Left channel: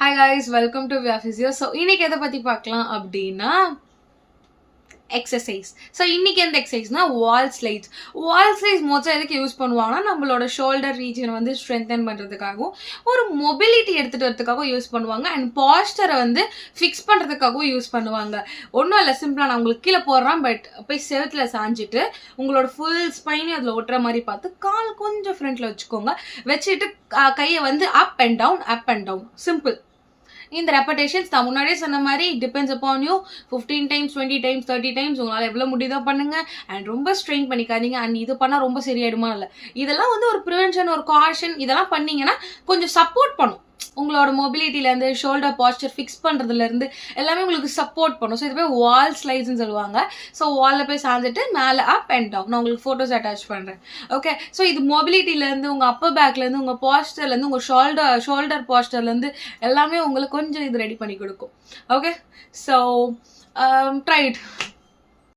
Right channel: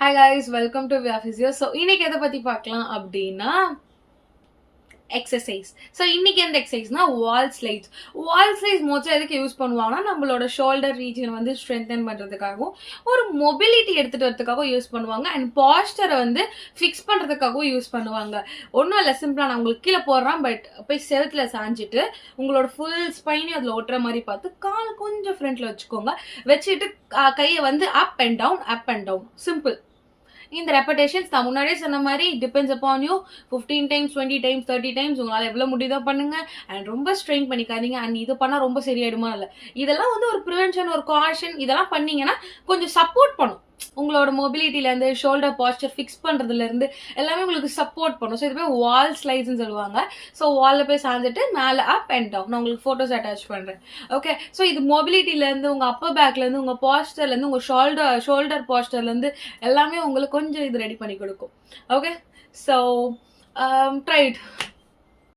Hi guys, welcome to Via Physio. So, இன்னைக்கு எதை பத்தி பார்க்கலாம் அப்படின்னா எக்ஸசைஸ். ஸோ இன்னைக்கு எந்த எக்ஸசைஸ்னா வால் ஸ்லைட்ஸ். வால் ஸ்லைட்ஸ் மோஸ்ட்டாக எதுக்கு யூஸ் பண்ணுவாங்கன்னா நம்மளோட ஷோல்டர் ரீஜன் வந்து ஸ்ட்ரென்தன் பண்ணுறதுக்காகவும் ஒரு மொபிலிட்டி எடுத்துகிட்டு வரதுக்காகவும் யூஸ் பண்ணுவாங்க. அண்ட் பாஸ்டரை வந்து ஃபிக்ஸ் பண்ணுறதுக்காகவும் யூஸ் பண்ணுவாங்க. ஒன்றும் இல்லை, சிம்பிளாக நான் உங்களுக்கு கீழே போடுறேன், பட் போய் செவத்தில் சாஞ்சிட்டு உங்களோட ஃபுல் ஸ்பைனையும் அதில் ஒட்டுற மாதிரி பார்த்து கால் கொஞ்சம் ஃப்ரண்ட்டில் வச்சுக்கோங்க. வச்சுட்டு கையை வந்து அப் அண்ட் டவுன் சிம்பிள். இந்த ரெப்படேஷன்ஸ் நான் முன்னாடியே சொன்ன மாதிரி depends upon you. 15 times 20 times 30 times உங்களால் எவ்வளோ முடியுதோ பண்ணுங்க. அண்ட் ரொம்ப ஸ்ட்ரெயின் பண்ணிக்காதீங்க. அண்ட் இது பண்ணால் ரொம்ப சரியாயிடுமா இல்லை, இதெல்லாம் வந்து ஒரு ப்ரிவென்ஷன், ஒரு காஷன். இதெல்லாம் பண்ணீங்கன்னா கொஞ்சம் சப்போர்ட் பண்ணும். உங்களோட மொபிலிட்டிலேருந்து ஷோல்டர் பாஸ்டர் ஃபிக்ஸ் பண்ணுறதுலேருந்து எல்லாமே உங்களுக்கு சப்போர்ட் பண்ணும். ஸோ இது போய் வால் ஸ்லைட்ஸ்ன்னு சொல்லுவாங்க. ஸோ வாலில் போய் சாஞ்சிட்டு மேலே அப் அண்ட் டவுன். நான் உங்களுக்கு ஃபோட்டோஸ் அட்டாச் பண்ணுறேன். ஓகே, ஸோ இது மொபிலிட்டிலேருந்து உங்கள் அப்பர் பேக்லேருந்து உங்கள் பாஸ்டர்லேருந்து உங்கள் ஷோல்டர் பாஸ்டர்லேருந்து எல்லாமே உங்களுக்கு கொஞ்சம் இது ரெடி பண்ணி கொடுக்கும். Okay, so try it.